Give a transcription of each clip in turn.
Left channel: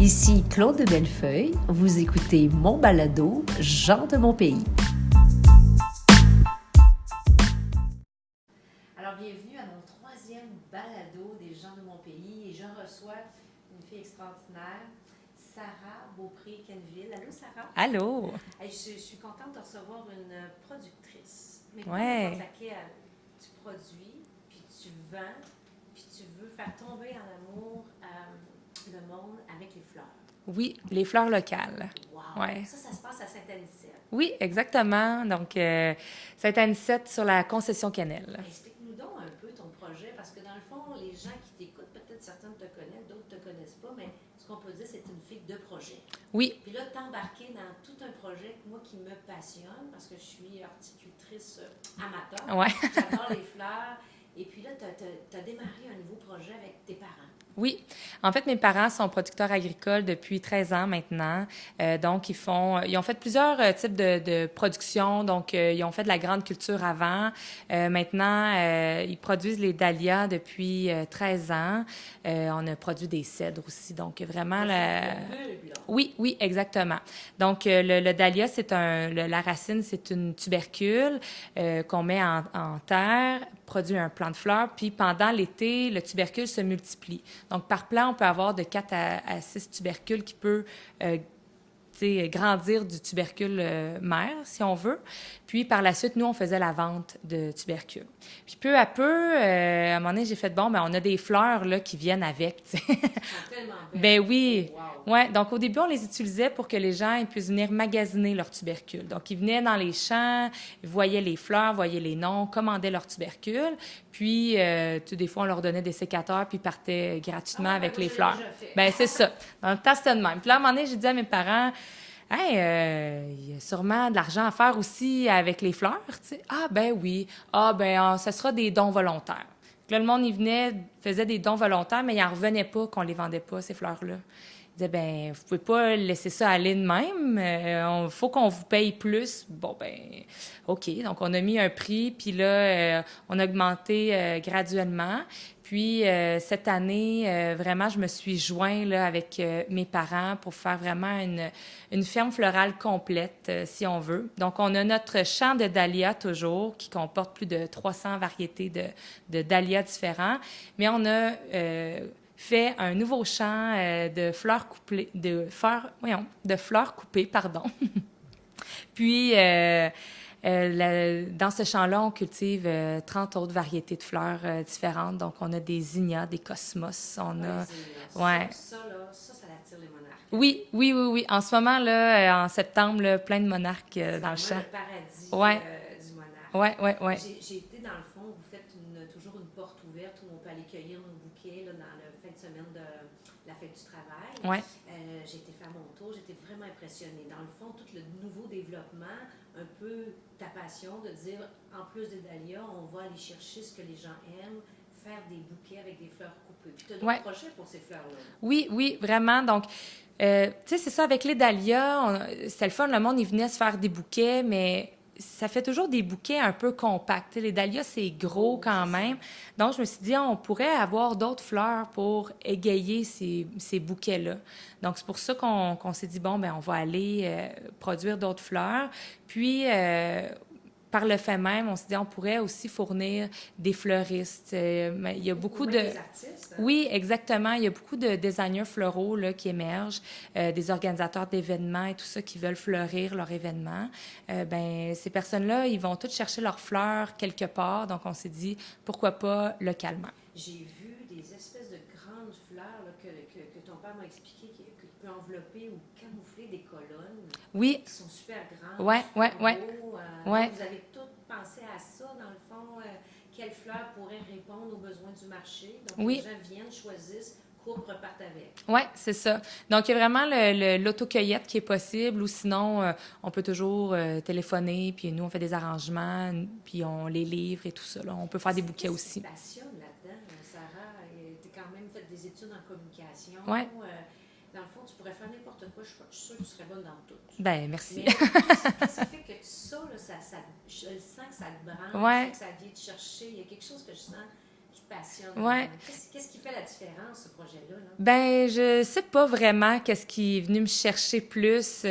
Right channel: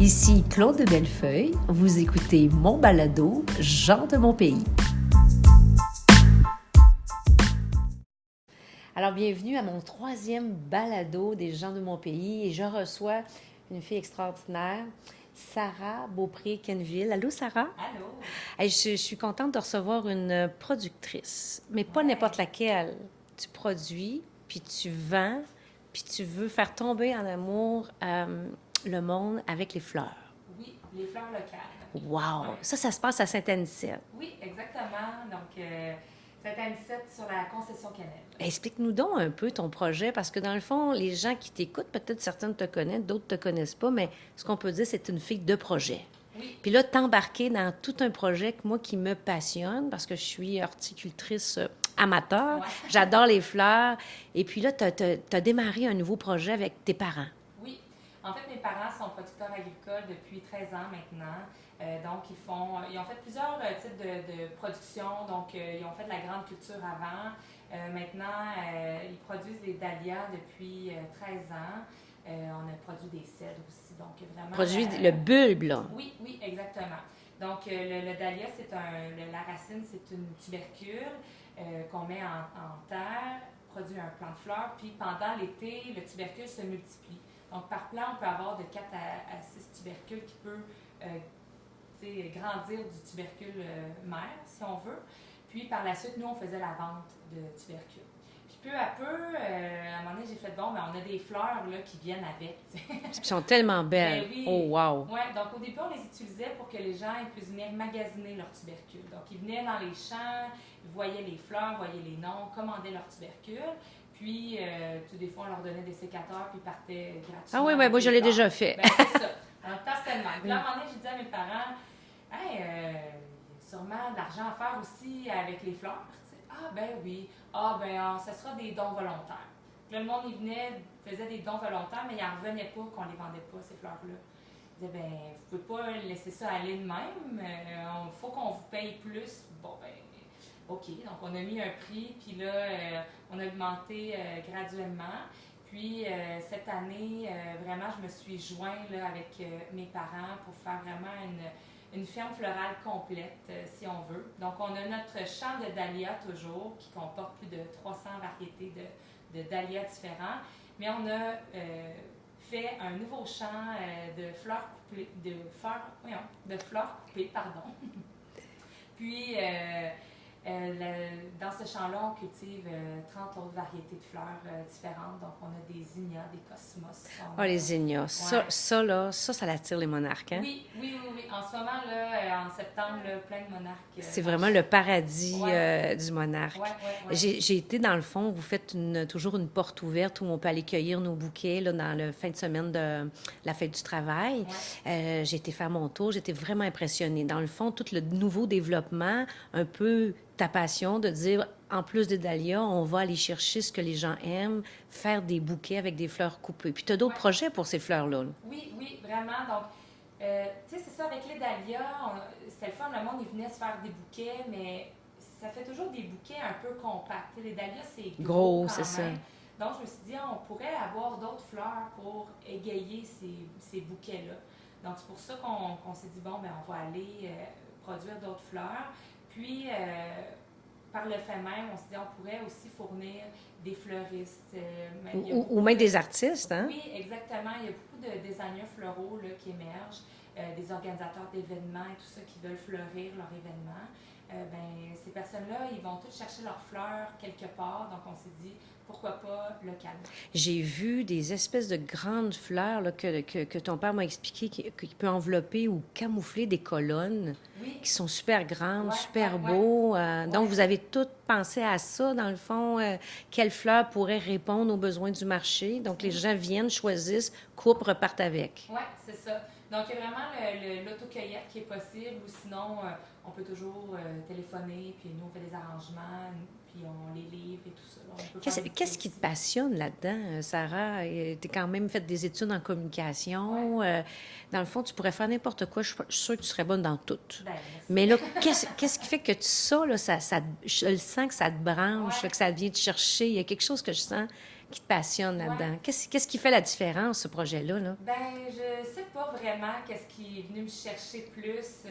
Ici Claude de Bellefeuille, vous écoutez mon balado « Gens de mon pays ». Alors, bienvenue à mon troisième balado des gens de mon pays et je reçois une fille extraordinaire, Sarah Beaupré-Quenneville. Allô, Sarah? Allô? Hey, je suis contente de recevoir une productrice, mais pas Ouais. n'importe laquelle. Tu produis, puis tu vends, puis tu veux faire tomber en amour le monde avec les fleurs. Oui, les fleurs locales. Wow! Ouais. Ça se passe à Saint-Anicette. Oui, exactement. Donc, Saint-Anicette sur la concession Cannelle. Explique-nous donc un peu ton projet, parce que dans le fond, les gens qui t'écoutent, peut-être certains te connaissent, d'autres te connaissent pas, mais ce qu'on peut dire, c'est une fille de projet. Oui. Puis là, t'embarquer dans tout un projet que moi qui me passionne, parce que je suis horticultrice amateur. Ouais. J'adore les fleurs. Et puis là, t'as démarré un nouveau projet avec tes parents. Oui. En fait, mes parents sont producteurs agricoles depuis 13 ans maintenant. Donc, ils ont fait plusieurs types de production. Donc, ils ont fait de la grande culture avant. Maintenant, ils produisent les dahlias depuis 13 ans. On a produit des cèdres aussi. Donc, vraiment... Le bulbe, là. Oui, oui, exactement. Donc, le dahlia, la racine, c'est une tubercule qu'on met en terre, produit un plant de fleurs, puis pendant l'été, le tubercule se multiplie. Donc, par plant, on peut avoir de 4 à 6 tubercules qui peut grandir du tubercule mère, si on veut. Puis, par la suite, nous, on faisait la vente de tubercules. Puis, peu à peu, à un moment donné, j'ai fait, on a des fleurs là, qui viennent avec. Qui sont tellement belles. Ben oui. Oh, wow. Ouais, donc, au début, on les utilisait pour que les gens ils puissent venir magasiner leurs tubercules. Donc, ils venaient dans les champs, ils voyaient les fleurs, voyaient les noms, commandaient leurs tubercules. Puis, des fois, on leur donnait des sécateurs, puis ils partaient gratuitement. Ah oui, avec moi, les je l'ai fleurs. déjà fait. Ben c'est ça. Dans le temps, c'était de même. Puis là, à un moment donné, j'ai dit à mes parents, hey, il y a sûrement de l'argent à faire aussi avec les fleurs, tu sais. Ah, ben oui. Ah, ben, ça sera des dons volontaires. Puis là, le monde, il venait, faisait des dons volontaires, mais il n'en revenait pas qu'on les vendait pas, ces fleurs-là. Il disait, ben, vous pouvez pas laisser ça aller de même. Il faut qu'on vous paye plus. Bon, ben, OK. Donc, on a mis un prix, puis là, on a augmenté graduellement. Puis, cette année, vraiment, je me suis joint là, avec mes parents pour faire vraiment une ferme florale complète, si on veut. Donc, on a notre champ de dahlias toujours, qui comporte plus de 300 variétés de dahlias différents. Mais on a fait un nouveau champ de fleurs coupées, pardon. Puis, dans ce champ-là, on cultive 30 autres variétés de fleurs différentes. Donc, on a des zinnias, des cosmos. Les zinnias. Ouais. Ça l'attire les monarques. Hein? Oui. En ce moment, là, en septembre, là, plein de monarques. C'est vraiment le paradis du monarque. Oui. J'ai été, dans le fond, vous faites toujours une porte ouverte où on peut aller cueillir nos bouquets là, dans le fin de semaine de la fête du travail. Ouais. J'ai été faire mon tour. J'étais vraiment impressionnée. Dans le fond, tout le nouveau développement, un peu ta passion de dire, en plus des dahlias, on va aller chercher ce que les gens aiment, faire des bouquets avec des fleurs coupées. Puis tu as d'autres projets pour ces fleurs-là. Oui, vraiment. Donc, tu sais, c'est ça, avec les dahlias, c'était le fun, le monde, il venait se faire des bouquets, mais ça fait toujours des bouquets un peu compacts. Les dahlias, c'est gros quand même. Ça. Donc, je me suis dit, on pourrait avoir d'autres fleurs pour égayer ces bouquets-là. Donc, c'est pour ça qu'on s'est dit, on va aller produire d'autres fleurs. Puis, par le fait même, on s'est dit on pourrait aussi fournir des fleuristes. Il y a beaucoup ou même des artistes. Hein? Oui, exactement. Il y a beaucoup de designers floraux là, qui émergent, des organisateurs d'événements et tout ça qui veulent fleurir leur événement. Ces personnes-là, ils vont toutes chercher leurs fleurs quelque part. Donc, on s'est dit, pourquoi pas localement? J'ai vu des espèces de grandes fleurs là, que ton père m'a expliqué qui peut envelopper ou camoufler des colonnes. Oui. Qui sont super grandes, super beaux. Donc, vous avez tout pensé à ça, dans le fond. Quelles fleurs pourraient répondre aux besoins du marché? Donc, les gens viennent, choisissent, coupent, repartent avec. Oui, c'est ça. Donc, il y a vraiment l'autocueillette qui est possible, ou sinon, on peut toujours téléphoner, puis nous, on fait des arrangements, puis on les livre et tout ça. Là. On peut faire des bouquets aussi. Qu'est-ce qui te passionne là-dedans, Sarah? Tu as quand même fait des études en communication. Dans le fond, tu pourrais faire n'importe quoi. Je suis sûre que tu serais bonne dans tout. Bien, merci. Mais là, qu'est-ce qui fait que ça, là, je le sens que ça te branche, que ça vient te chercher. Il y a quelque chose que je sens qui te passionne Ouais. là-dedans? Qu'est-ce qui fait la différence, ce projet-là? Là? Ben, je sais pas vraiment qu'est-ce qui est venu me chercher plus.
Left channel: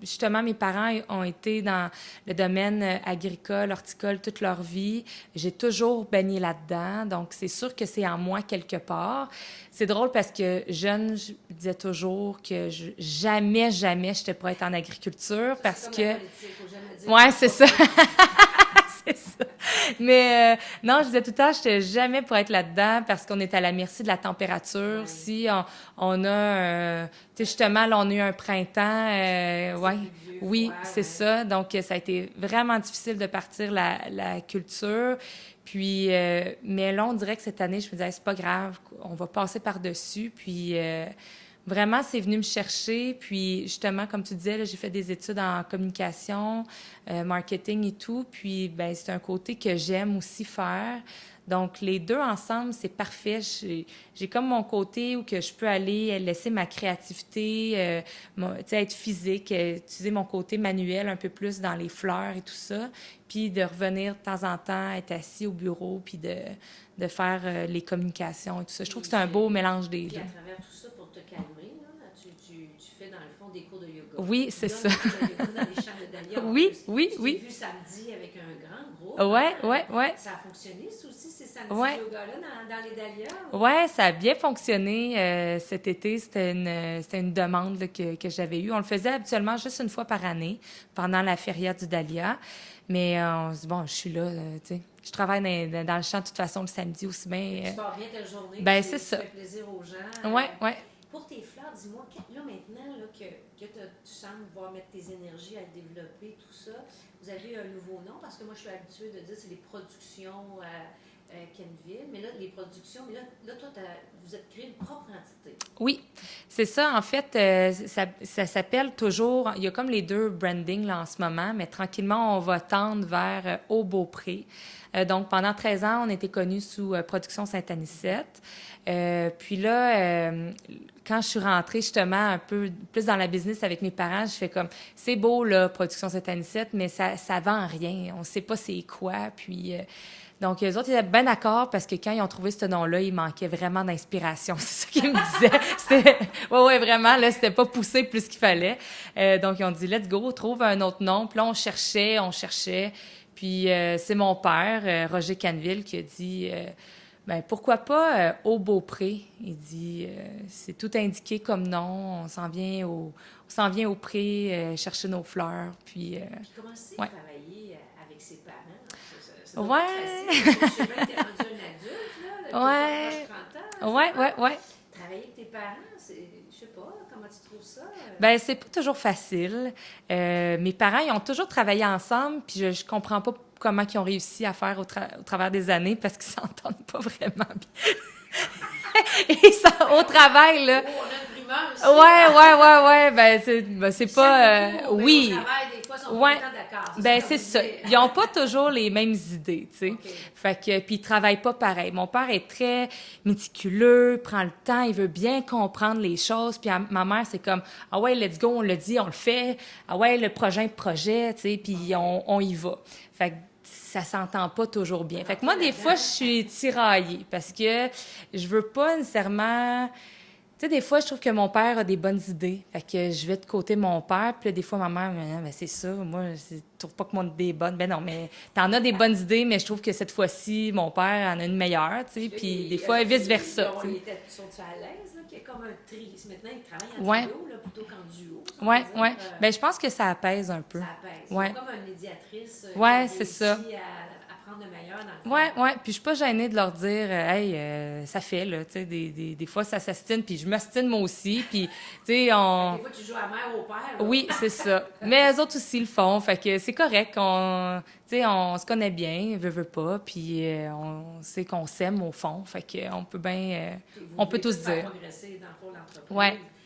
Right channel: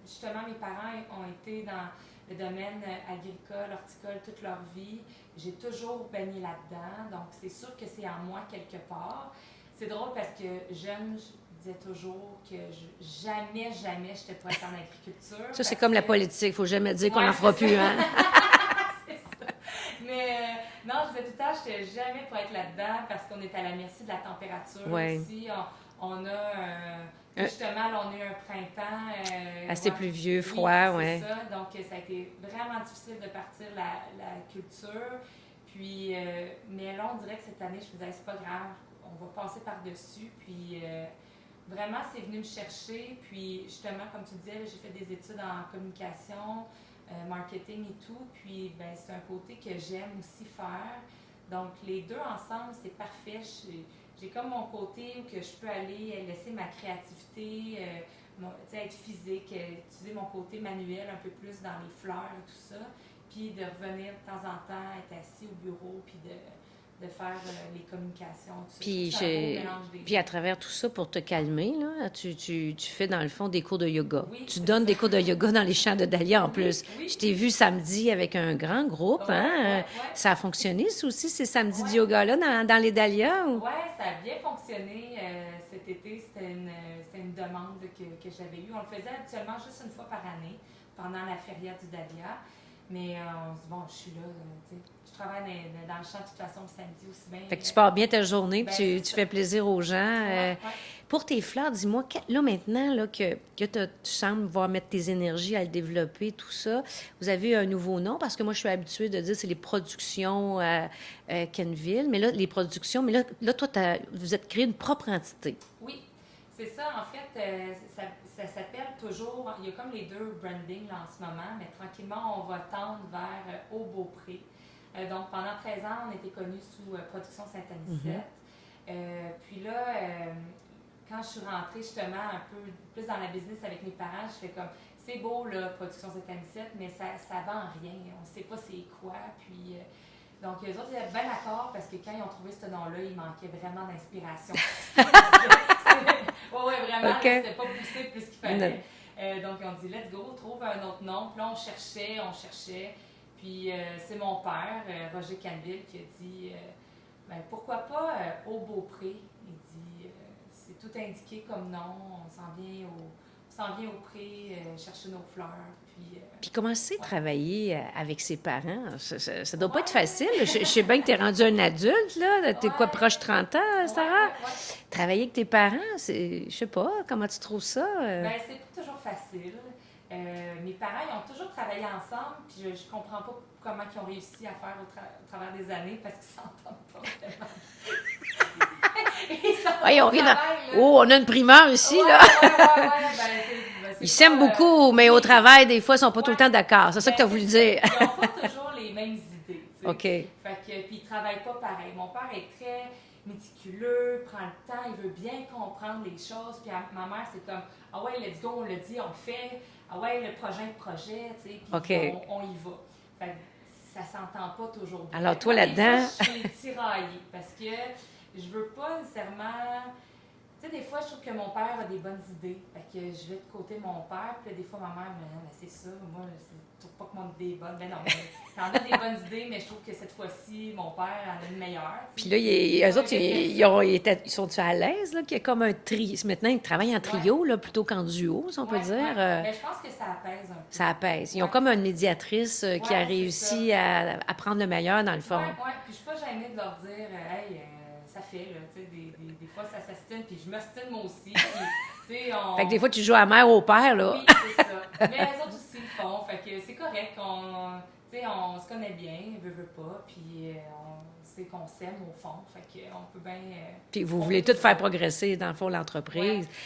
Justement, mes parents ont été dans le domaine agricole, horticole toute leur vie. J'ai toujours baigné là-dedans, donc c'est sûr que c'est en moi quelque part. C'est drôle parce que jeune, je disais toujours que jamais j'étais pour être en agriculture. Ça, c'est parce comme la que- politique. Il faut jamais dire Ouais, qu'on en c'est fera ça. plus, hein. C'est ça. Mais non, je disais tout le temps, je n'étais jamais pour être là-dedans parce qu'on est à la merci de la température. Ouais. Si on a, tu sais, justement, là, on a eu un printemps. Assez ouais. pluvieux, Oui, froid, c'est ouais. ça. Donc, ça a été vraiment difficile de partir la culture. Puis, mais là, on dirait que cette année, je me disais, c'est pas grave, on va passer par-dessus. Puis, vraiment, c'est venu me chercher. Puis, justement, comme tu disais, là, j'ai fait des études en communication, marketing et tout. Puis, ben c'est un côté que j'aime aussi faire. Donc, les deux ensemble, c'est parfait. J'ai comme mon côté où que je peux aller laisser ma créativité, tu sais, être physique, utiliser mon côté manuel un peu plus dans les fleurs et tout ça. Puis, de revenir de temps en temps, être assis au bureau, puis de faire les communications et tout ça. Je trouve que c'est un beau mélange des Puis deux. à travers tout ça, pour te calmer, là, tu fais dans le fond des cours de yoga. Oui, tu c'est donnes ça. des cours de yoga dans les champs de Dahlia en Oui, plus. oui, Je t'ai oui. vu samedi avec un grand groupe. Ouais, hein? ouais. Ça a fonctionné, ça aussi, ces samedis Ouais. de yoga-là dans les Dahlias? Ou... Oui, ça a bien fonctionné cet été. C'était une demande là, que j'avais eue. On le faisait habituellement juste une fois par année, pendant la feria du Dahlia. Mais on se dit, bon, je suis là, tu sais. Je travaille dans le champ de toute façon le samedi aussi bien. Fait que tu pars bien ta journée, ben, puis c'est tu ça. fais plaisir aux gens. Oui, oui. Pour tes fleurs, dis-moi, là maintenant là, que tu sembles voir mettre tes énergies à le développer, tout ça, vous avez un nouveau nom, parce que moi, je suis habituée de dire c'est les productions Kenville, mais là, les productions, mais là toi, vous êtes créé une propre entité. Oui, c'est ça. En fait, ça s'appelle toujours... Il y a comme les deux brandings là, en ce moment, mais tranquillement, on va tendre vers Au Beaupré. Donc, pendant 13 ans, on était connus sous Production Saint-Anicette. Puis là, quand je suis rentrée justement un peu plus dans la business avec mes parents, je fais comme, c'est beau, là, Production Saint-Anicette, mais ça vend rien. On ne sait pas c'est quoi. Puis... donc, eux autres, ils étaient bien d'accord parce que quand ils ont trouvé ce nom-là, il manquait vraiment d'inspiration. C'est ça qu'ils me disaient. Oui, vraiment, OK. là, c'était pas poussé plus qu'il fallait. Donc, ils ont dit, let's go, trouve un autre nom. Puis là, on cherchait. Puis, c'est mon père, Roger Canville, qui a dit, ben pourquoi pas Au Beaupré? Il dit, c'est tout indiqué comme nom, on s'en vient au pré chercher nos fleurs. Puis Puis comment c'est de ouais. travailler avec ses parents? Ça doit Ouais. pas être facile. Je sais bien que tu es rendu un adulte, là. T'es quoi, Ouais. proche 30 ans, Ouais, Sarah? ouais. Travailler avec tes parents, je sais pas, comment tu trouves ça? Ben c'est pas toujours facile. Mes parents, ils ont toujours travaillé ensemble, puis je comprends pas comment ils ont réussi à faire au travers des années parce qu'ils s'entendent pas vraiment bien. Ils sont Hey, au travail, là. Oh, on a une primeur ici, Ouais, là. ouais. Ben, c'est Ils pas... s'aiment beaucoup, mais oui. au travail, des fois, ils sont pas tout Ouais. le temps d'accord. C'est ça Ben, que tu as c'est voulu ça. dire. Ils n'ont pas toujours les mêmes idées, tu sais. OK. Fait que, puis ils travaillent pas pareil. Mon père est très méticuleux, prend le temps, il veut bien comprendre les choses. Puis ma mère, c'est comme, ah ouais, let's go, on le dit, on le fait. Ah ouais, le projet, tu sais, puis OK. on y va. Fait que ça s'entend pas toujours bien. Alors, Fait que toi, moi, des là-dedans- fois, je suis tiraillée parce que je veux pas nécessairement... Tu sais, des fois, je trouve que mon père a des bonnes idées. Fait que je vais de côté mon père, puis là, des fois, ma mère me dit, ah, ben, c'est ça, moi, je trouve pas que mon idée est bonne. Ben non, mais t'en as des bonnes idées, mais je trouve que cette fois-ci, mon père en a une meilleure, tu Puis sais. là, Puis eux des fois, autres, vice-versa. sont-ils à l'aise, là, qu'il y a comme un tri? Maintenant, ils travaillent en Ouais. trio, là, plutôt qu'en duo, si on Ouais, peut dire. ouais. Ben, je pense que ça apaise un peu. Ça apaise. Ils Ouais. ont comme une médiatrice qui Ouais, a c'est réussi à prendre le meilleur, dans le fond. Ouais. Puis je suis pas gênée de leur dire, hey, ça fait, là, tu sais, des fois, ça s'astine, puis je m'astine moi aussi, puis, tu sais, on... Fait que des fois, tu joues à mère au père, là. Oui, c'est ça. Mais eux autres aussi le font, fait que c'est correct. Tu sais, on se connaît bien, veut pas, puis on sait qu'on s'aime au fond, fait qu'on peut bien... Puis vous on voulez peut tout tout faire dire. progresser, dans le fond, l'entreprise.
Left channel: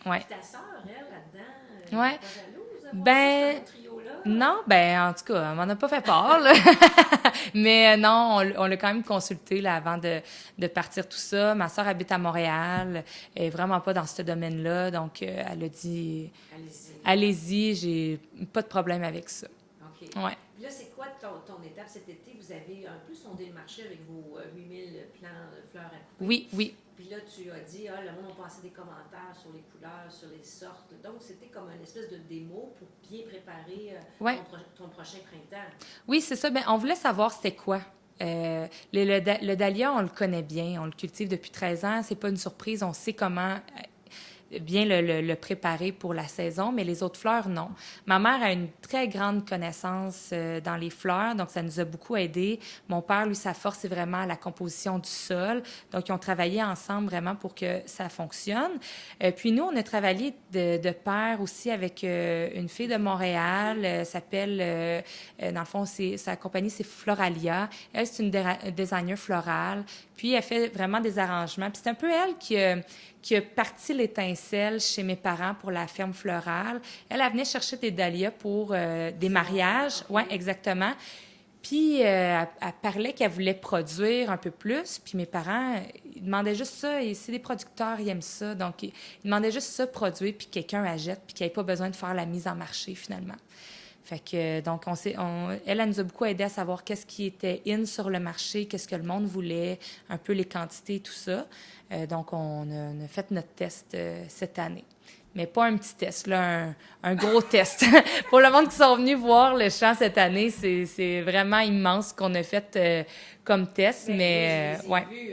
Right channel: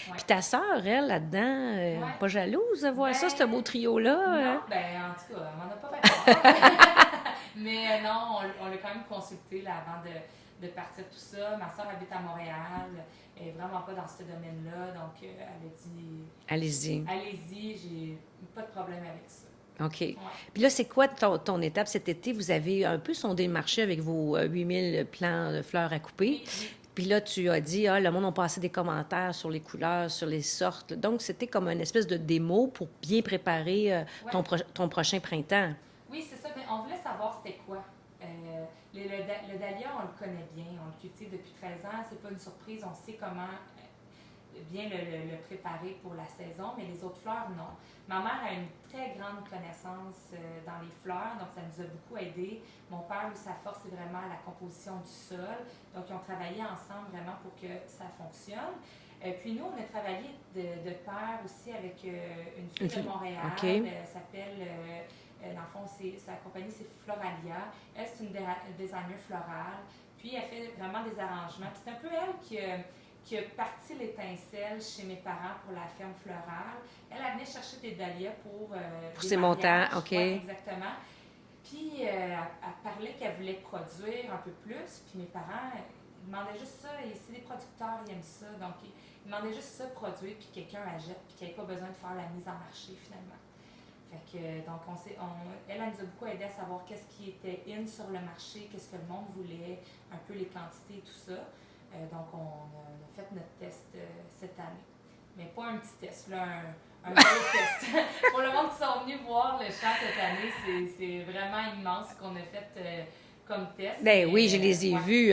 Ouais. Puis ta sœur, elle, là-dedans, Ouais. pas jalouse de voir Ben, ça, ce beau trio-là? Non, ben en tout cas, on m'en a pas fait part, là. Mais non, on l'a quand même consulté là, avant de partir tout ça. Ma sœur habite à Montréal, elle est vraiment pas dans ce domaine-là, donc elle a dit... Allez-y. Allez-y, j'ai pas de problème avec ça. OK. Ouais. Puis là, c'est quoi ton étape cet été? Vous avez un peu sondé le marché avec vos 8000 plants de fleurs à couper. Oui, oui. Puis là, tu as dit, le monde a passé des commentaires sur les couleurs, sur les sortes. Donc, c'était comme une espèce de démo pour bien préparer Ouais. ton prochain printemps. Oui, c'est ça. Bien, on voulait savoir c'était quoi. Le dahlia, on le connaît bien. On le cultive depuis 13 ans. C'est pas une surprise. On sait comment bien le préparer pour la saison, mais les autres fleurs, non. Ma mère a une très grande connaissance dans les fleurs, donc ça nous a beaucoup aidés. Mon père, lui, sa force, c'est vraiment la composition du sol. Donc, ils ont travaillé ensemble vraiment pour que ça fonctionne. Puis nous, on a travaillé de pair aussi avec une fille de Montréal. OK. S'appelle, dans le fond, sa compagnie, c'est Floralia. Elle, c'est une designer florale. Puis, elle fait vraiment des arrangements. Puis, c'est un peu elle qui a parti l'étincelle chez mes parents pour la ferme florale. Elle venait chercher des dahlias pour des mariages. OK. Oui, exactement. Puis, elle parlait qu'elle voulait produire un peu plus. Puis, mes parents, ils demandaient juste ça. Et c'est des producteurs, ils aiment ça. Donc, ils demandaient juste ça, produire, puis quelqu'un achète, puis qu'il n'y ait pas besoin de faire la mise en marché, finalement. Fait que, donc, elle nous a beaucoup aidé à savoir qu'est-ce qui était in sur le marché, qu'est-ce que le monde voulait, un peu les quantités, tout ça. Donc, on a fait notre test cette année. Mais pas un petit test, là, un gros test. Pour le monde qui sont venus voir le champ cette année, c'est vraiment immense ce qu'on a fait comme test. Ben mais, oui, je les ai ouais. vus,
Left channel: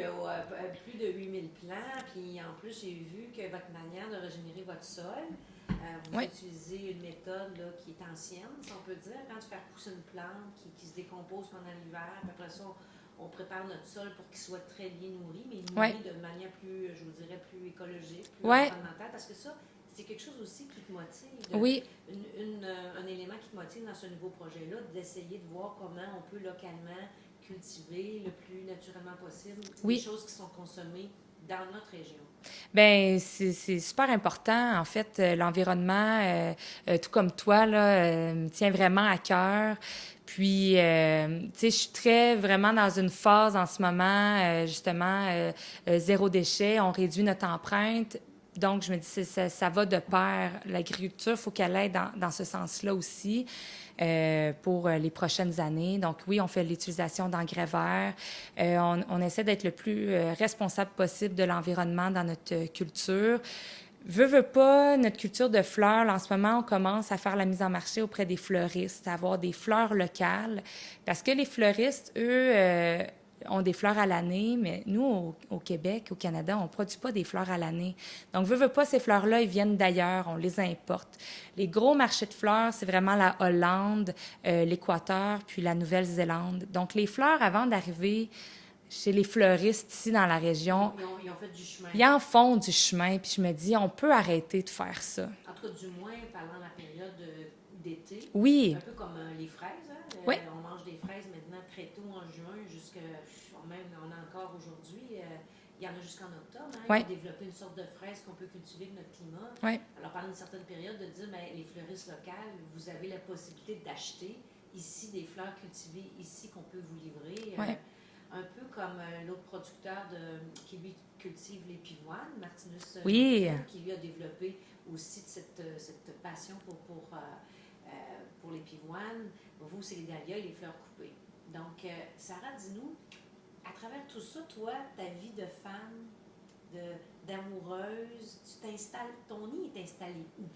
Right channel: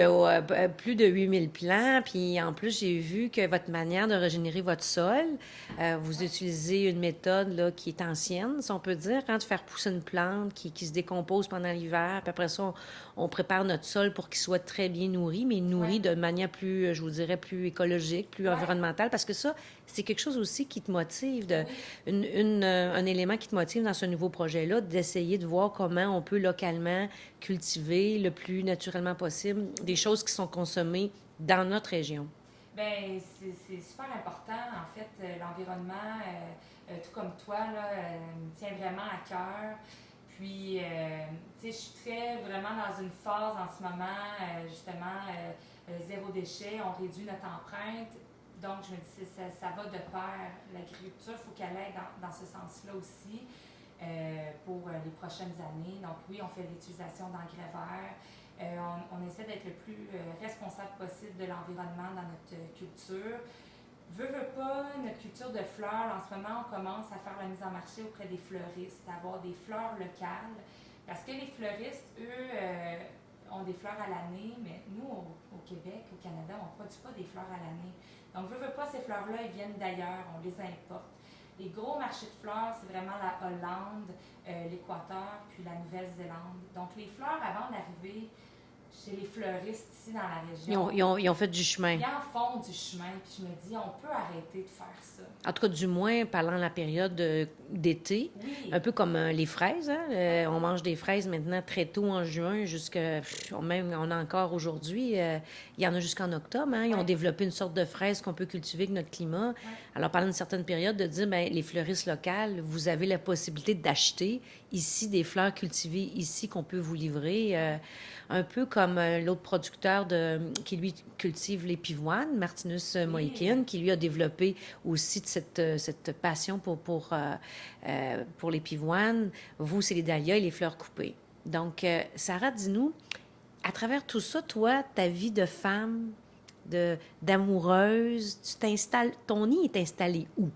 plus de 8000 plants. Puis en plus, j'ai vu que votre manière de régénérer votre sol, vous Ouais. utilisez une méthode là, qui est ancienne, si on peut dire, de faire pousser une plante qui se décompose pendant l'hiver. Puis après ça, on prépare notre sol pour qu'il soit très bien nourri, mais nourri Ouais. de manière plus, je vous dirais, plus écologique, plus Ouais. environnementale. Parce que ça, c'est quelque chose aussi qui te motive, Oui. un élément qui te motive dans ce nouveau projet-là, d'essayer de voir comment on peut localement cultiver le plus naturellement possible des Oui. choses qui sont consommées dans notre région. Bien, c'est super important. En fait, l'environnement, tout comme toi, là, me tient vraiment à cœur. Puis, tu sais, je suis vraiment dans une phase en ce moment, justement, zéro déchet. On réduit notre empreinte. Donc, je me dis, ça va de pair. L'agriculture, il faut qu'elle aille dans ce sens-là aussi. Pour les prochaines années. Donc oui, on fait l'utilisation d'engrais verts. On essaie d'être le plus responsable possible de l'environnement dans notre culture. Veux pas, notre culture de fleurs, là, en ce moment, on commence à faire la mise en marché auprès des fleuristes, à avoir des fleurs locales. Parce que les fleuristes, eux, ont des fleurs à l'année, mais nous, au Québec, au Canada, on ne produit pas des fleurs à l'année. Donc, veux pas, ces fleurs-là, ils viennent d'ailleurs, on les importe. Les gros marchés de fleurs, c'est vraiment la Hollande, l'Équateur, puis la Nouvelle-Zélande. Donc, les fleurs, avant d'arriver chez les fleuristes ici dans la région, Ils ont fait du chemin. ils en font du chemin. Puis je me dis, on peut arrêter de faire ça. En tout cas, du moins, parlant de la période d'été. Oui. Un peu comme les fraises. Hein? Oui. On mange des fraises maintenant très tôt en juin, même on a encore aujourd'hui. Il y en a jusqu'en octobre. Hein? Ils Oui. ont développé une sorte de fraise qu'on peut cultiver avec notre climat. Oui. Alors, pendant une certaine période, de dire, bien, les fleuristes locales, vous avez la possibilité d'acheter ici des fleurs cultivées ici qu'on peut vous livrer. Oui. Un peu comme l'autre producteur qui, lui, cultive les pivoines, Martinus Oui. Moenkin, qui, lui, a développé aussi cette passion pour les pivoines. Vous, c'est les dahlias et les fleurs coupées. Donc, Sarah, dis-nous, à travers tout ça, toi, ta vie de femme, d'amoureuse, ton nid est installé où?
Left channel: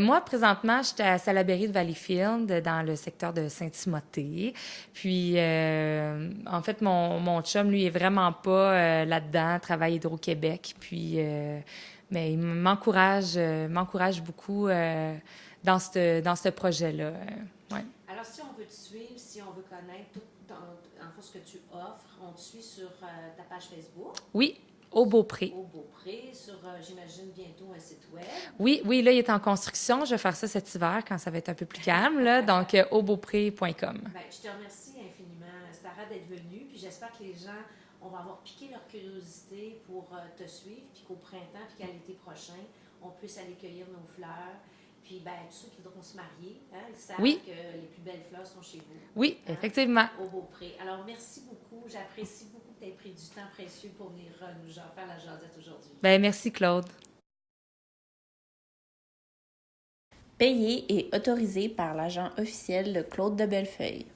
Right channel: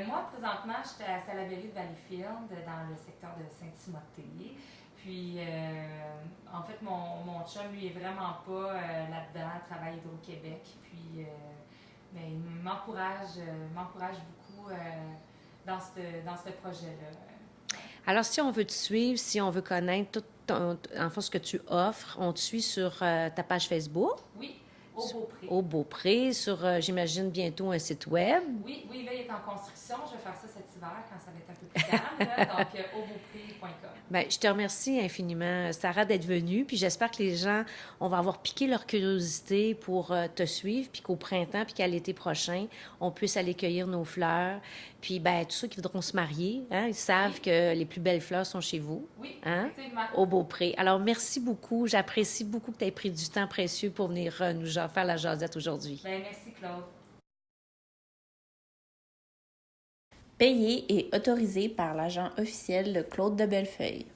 Moi, présentement, j'étais à Salaberry de Valleyfield, dans le secteur de Saint-Timothée. Puis, en fait, mon chum, lui, est vraiment pas là-dedans, travaille Hydro-Québec. Puis, mais il m'encourage beaucoup dans ce projet-là. Ouais. Alors, si on veut te suivre, si on veut connaître tout ce que tu offres, on te suit sur ta page Facebook. Oui. Au Beaupré. Au Beaupré, sur, j'imagine, bientôt un site web. Oui, là, il est en construction. Je vais faire ça cet hiver quand ça va être un peu plus calme, là. Donc, aubeaupré.com. Bien, je te remercie infiniment, Sarah, d'être venue. Puis j'espère que les gens, on va avoir piqué leur curiosité pour te suivre, puis qu'au printemps, puis qu'à l'été prochain, on puisse aller cueillir nos fleurs. Puis, bien, tous ceux qui voudront se marier, hein, ils savent que les plus belles fleurs sont chez vous. Oui, hein, effectivement. Au Beaupré. Alors, merci beaucoup. J'apprécie beaucoup que tu aies pris du temps précieux pour venir nous faire la jasette aujourd'hui. Bien, merci, Claude. Payé et autorisé par l'agent officiel de Claude de Bellefeuille.